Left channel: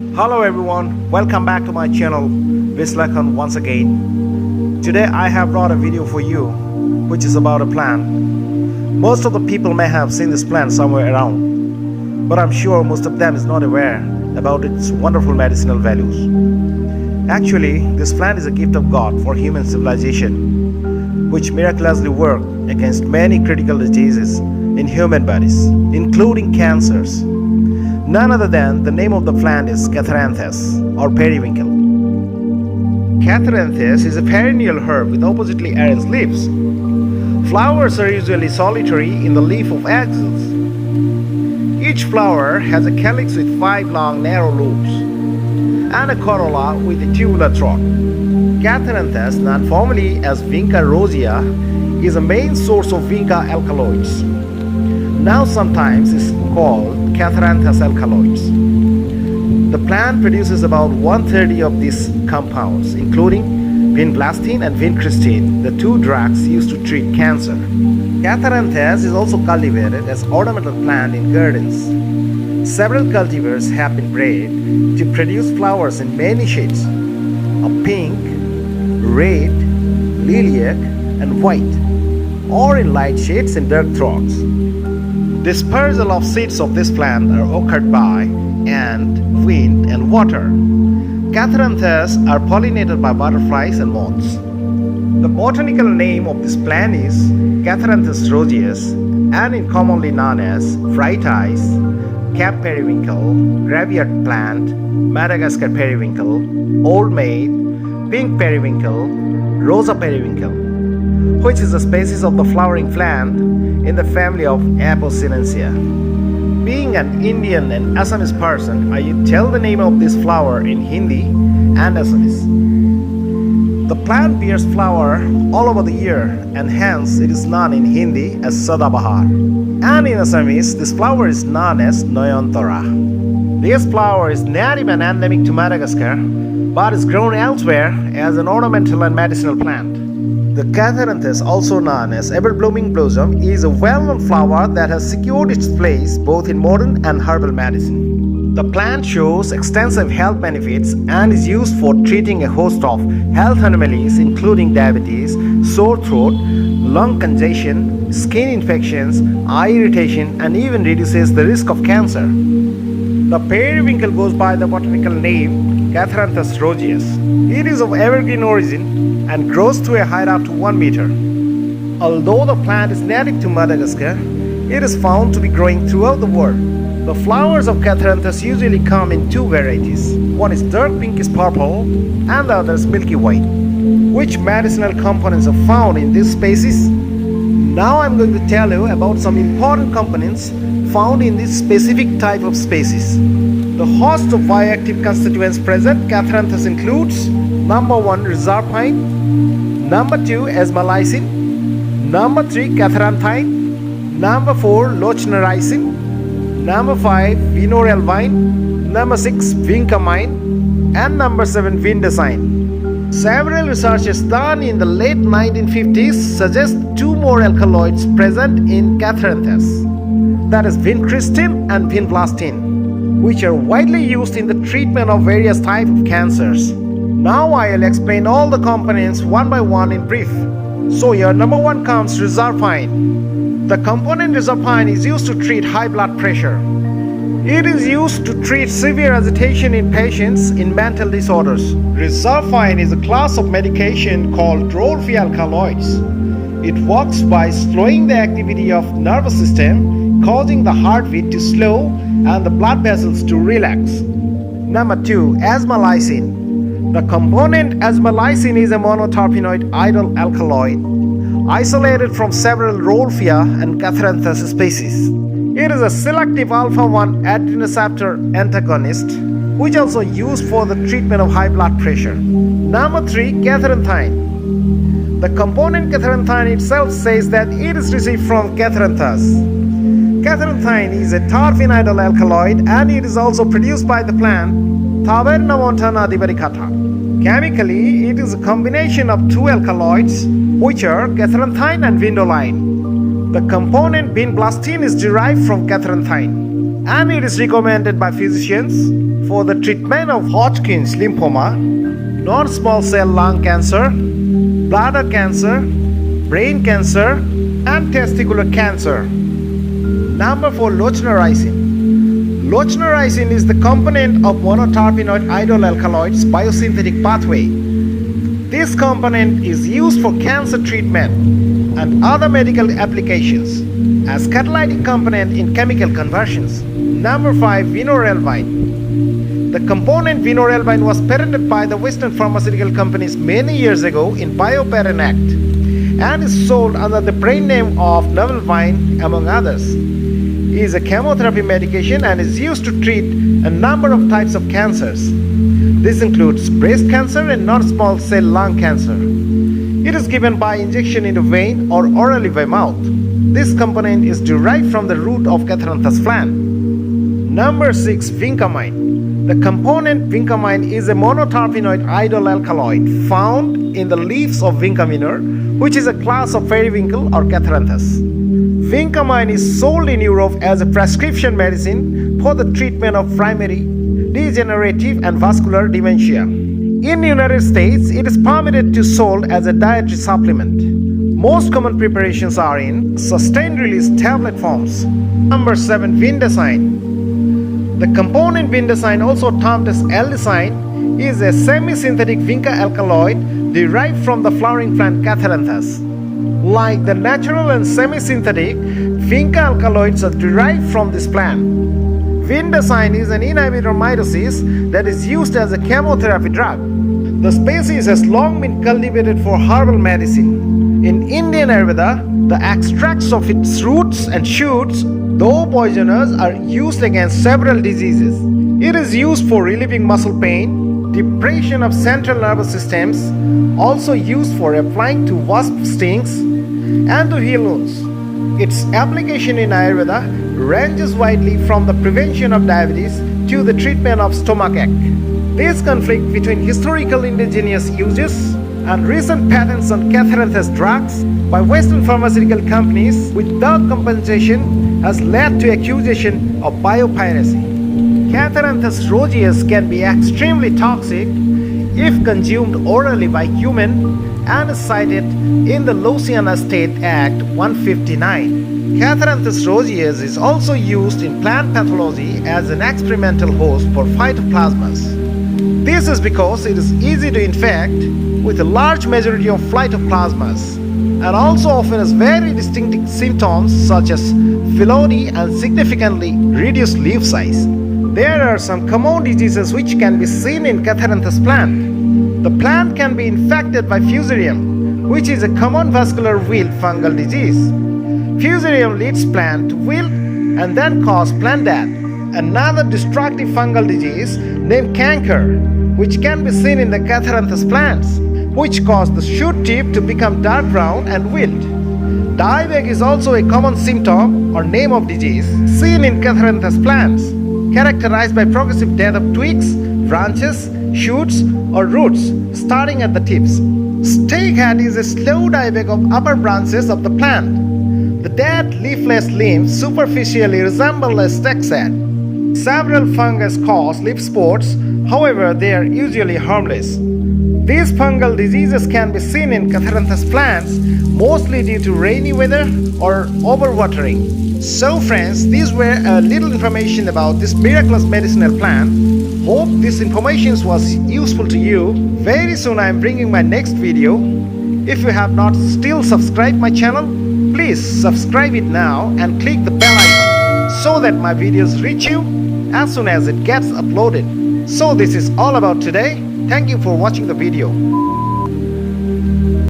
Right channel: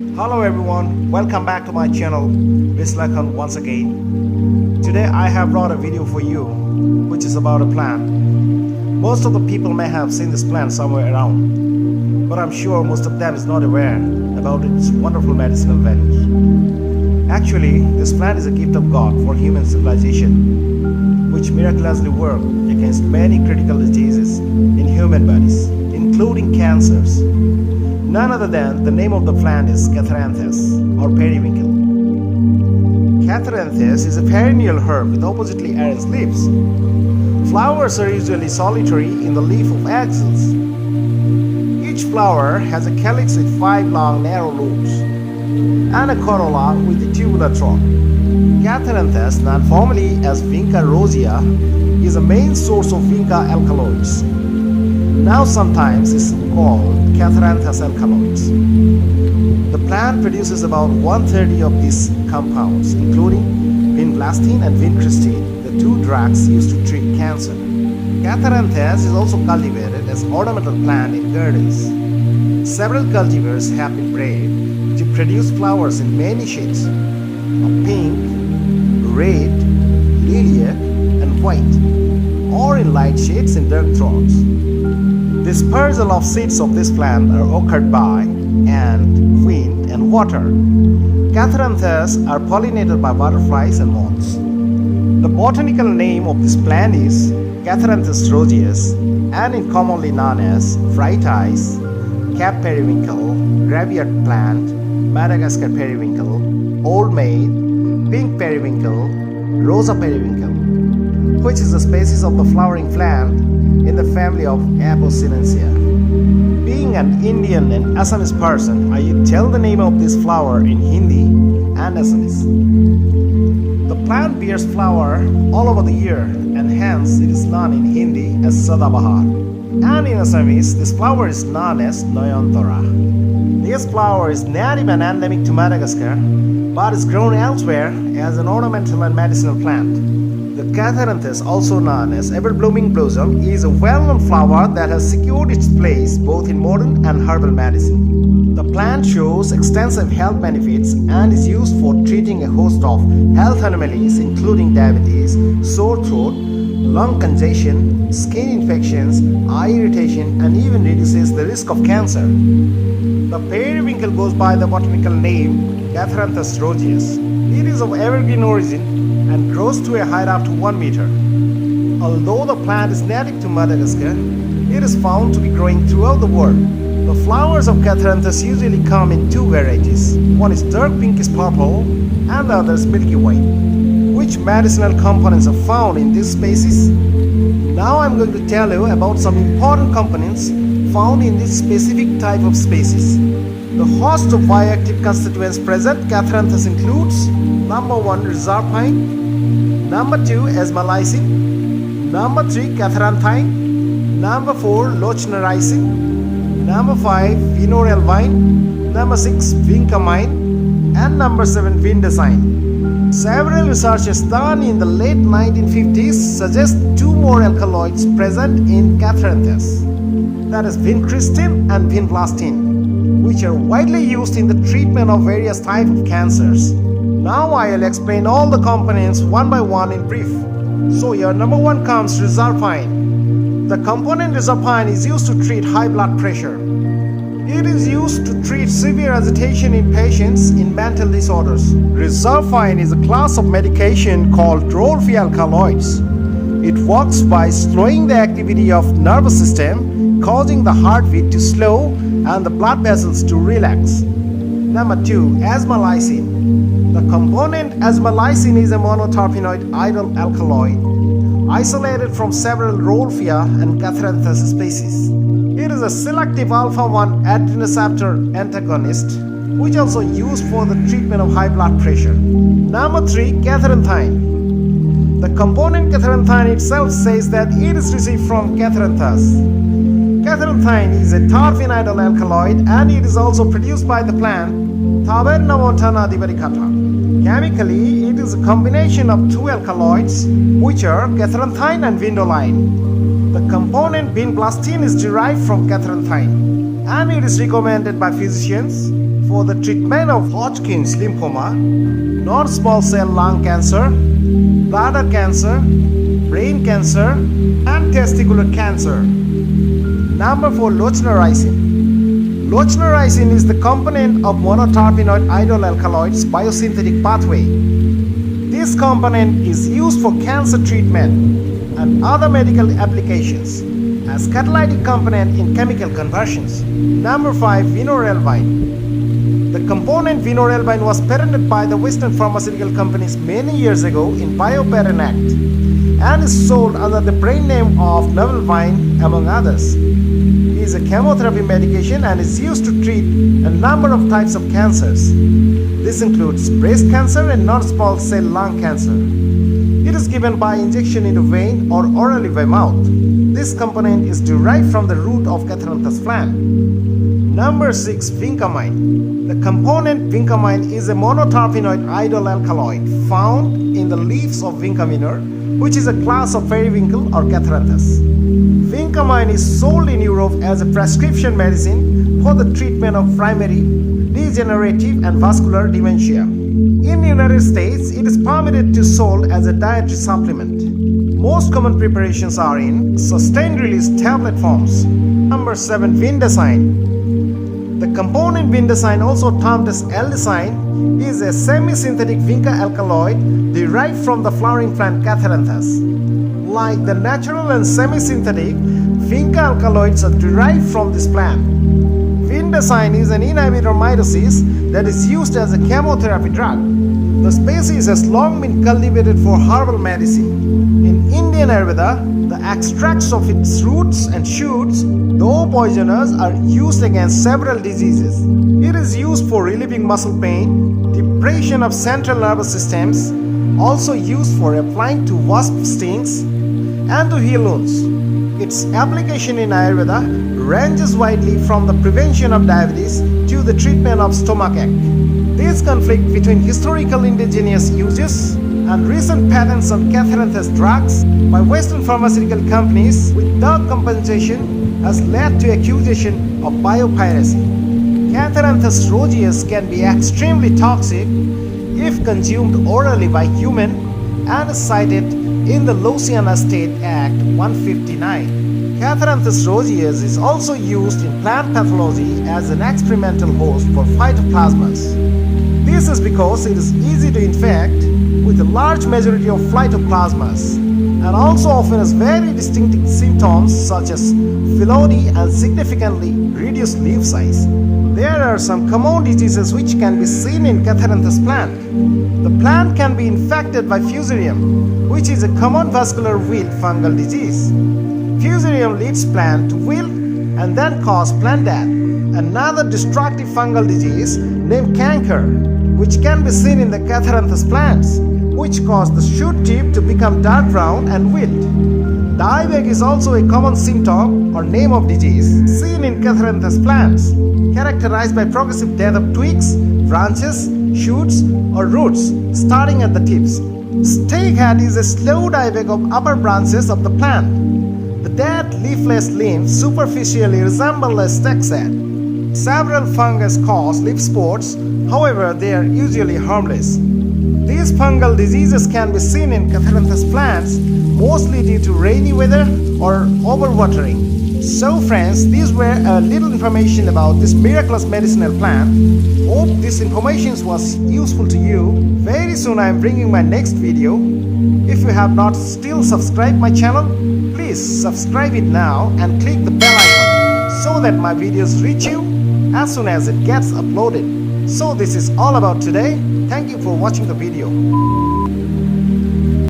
Hello everyone, welcome back to my channel Vinblastin once again. Today I have brought a video for you which is about a plant. Most of the people may have seen this plant somewhere around, but I'm sure most of them is not aware about its wonderful medicinal values. Actually, this plant is a gift of God for human civilization, which miraculously work against many critical diseases in human bodies, including cancers. None other than the name of the plant is Catharanthus or Periwinkle. Catharanthus is a perennial herb with oppositely arranged leaves. Flowers are usually solitary in the leaf of axils. Each flower has a calyx with 5 long narrow lobes and a corolla with a tubular throat. Catharanthus, known formally as Vinca Rosea, is a main source of Vinca alkaloids. Now sometimes is called Catharanthus alkaloids. The plant produces about 130 of these compounds, including Vinblastin and Vincristin, the 2 drugs used to treat cancer. Catharanthus is also cultivated as ornamental plant in gardens. Several cultivars have been bred to produce flowers in many shades of pink, red, lilac, and white, or in light shades and dark throats. Dispersal of seeds of this plant are occurred by and wind and water. Catharanthus are pollinated by butterflies and moths. The botanical name of this plant is Catharanthus roseus, and is commonly known as bright eyes, cap periwinkle, graveyard plant, Madagascar periwinkle, old maid, pink periwinkle, rosa periwinkle, which is a species of the flowering plant in the family of Apocynaceae. Being an Indian and Assamese person, I tell the name of this flower in Hindi and Assamese. The plant bears flower all over the year, and hence it is known in Hindi as Sadabahar. And in Assamese, this flower is known as Noyantara. This flower is native and endemic to Madagascar, but is grown elsewhere as an ornamental and medicinal plant. The Catharanthus, also known as ever-blooming blossom, is a well-known flower that has secured its place both in modern and herbal medicine. The plant shows extensive health benefits and is used for treating a host of health anomalies including diabetes, sore throat, lung congestion, skin infections, eye irritation, and even reduces the risk of cancer. The periwinkle goes by the botanical name Catharanthus roseus. It is of evergreen origin and grows to a height up to 1 meter. Although the plant is native to Madagascar, it is found to be growing throughout the world. The flowers of Catharanthus usually come in 2 varieties. One is dark pinkish purple and the other is milky white. Which medicinal components are found in this species? Now I'm going to tell you about some important components found in this specific type of species. The host of bioactive constituents present Catharanthus includes number 1 reserpine, number 2 asmalacin, number 3 catharanthine, number 4 lochnaricin, number 5 vinorelvine, number 6 vincamine, and number 7 vindicine. Several researches done in the late 1950s suggest 2 more alkaloids present in Catharanthus, that is Vincristin and Vinblastin, which are widely used in the treatment of various types of cancers. Now I'll explain all the components one by one in brief. So here number 1 comes reserpine. The component reserpine is used to treat high blood pressure. It is used to treat severe agitation in patients in mental disorders. Reserpine is a class of medication called role-free alkaloids. It works by slowing the activity of nervous system, causing the heartbeat to slow and the blood vessels to relax. Number 2, asmalacin. The component asmalacin is a monoterpenoid idle alkaloid, isolated from several Rolfia and Catharanthus species. It is a selective alpha-1 adrenoceptor antagonist, which also used for the treatment of high blood pressure. Number 3, catharanthine. The component catharanthine itself says that it is received from Catharanthus. Catharanthine is a terpenoidal alkaloid and it is also produced by the plant Taverna montana divaricata. Chemically, it is a combination of 2 alkaloids, which are catharanthine and vindoline. The component Vinblastin is derived from catharanthine, and it is recommended by physicians for the treatment of Hodgkin's lymphoma, non-small cell lung cancer, bladder cancer, brain cancer, and testicular cancer. Number 4. Lochnaricin. Lochnaricin is the component of monoterpenoid idol alkaloids biosynthetic pathway. This component is used for cancer treatment and other medical applications as catalytic component in chemical conversions. Number 5. Vinorelbine. The component vinorelbine was patented by the Western pharmaceutical companies many years ago in Biopatent Act and is sold under the brand name of Novelvine among others. It is a chemotherapy medication and is used to treat a number of types of cancers. This includes breast cancer and non-small cell lung cancer. It is given by injection into vein or orally by mouth. This component is derived from the root of Catharanthus plant. Number 6. Vincamine. The component vincamine is a monoterpenoid idol alkaloid found in the leaves of Vinca minor, which is a class of Periwinkle or Catharanthus. Vincamine is sold in Europe as a prescription medicine for the treatment of primary, degenerative and vascular dementia. In the United States, it is permitted to sold as a dietary supplement. Most common preparations are in sustained release tablet forms. Number 7. Vinblastin. The component Vinblastin, also termed as aldecine, is a semi-synthetic Vinca alkaloid derived from the flowering plant Catharanthus. Like the natural and semi-synthetic, Vinca alkaloids are derived from this plant. Vinblastin is an inhibitor of mitosis that is used as a chemotherapy drug. The species has long been cultivated for herbal medicine. In Indian Ayurveda, the extracts of its roots and shoots, though poisonous, are used against several diseases. It is used for relieving muscle pain, depression of central nervous systems, also used for applying to wasp stings and to heal wounds. Its application in Ayurveda ranges widely from the prevention of diabetes to the treatment of stomachache. This conflict between historical indigenous uses and recent patents on Catharanthus drugs by Western pharmaceutical companies without compensation has led to accusation of biopiracy. Catharanthus roseas can be extremely toxic if consumed orally by human and is cited in the Louisiana State Act 159. Catharanthus roseas is also used in plant pathology as an experimental host for phytoplasmas. This is because it is easy to infect with a large majority of phytoplasmas and also often has very distinct symptoms such as phyllody and significantly reduced leaf size. There are some common diseases which can be seen in Catharanthus plant. The plant can be infected by Fusarium, which is a common vascular wilt fungal disease. Fusarium leads plant to wilt and then cause plant death. Another destructive fungal disease named canker, which can be seen in the Catharanthus plants, which cause the shoot tip to become dark brown and wilt. Dieback is also a common symptom or name of disease seen in Catharanthus plants, characterized by progressive death of twigs, branches, shoots or roots starting at the tips. Stakehead is a slow dieback of upper branches of the plant. The dead leafless limbs superficially resemble a stake's head. Several fungus cause leaf spots, however they are usually harmless. These fungal diseases can be seen in Catharanthus plants mostly due to rainy weather or overwatering. So friends, these were a little information about this miraculous medicinal plant. Hope this information was useful to you. Very soon I am bringing my next video. If you have not still subscribed my channel, please subscribe it now and click the bell icon so that my videos reach you as soon as it gets uploaded. So this is all about today. Thank you for watching the video.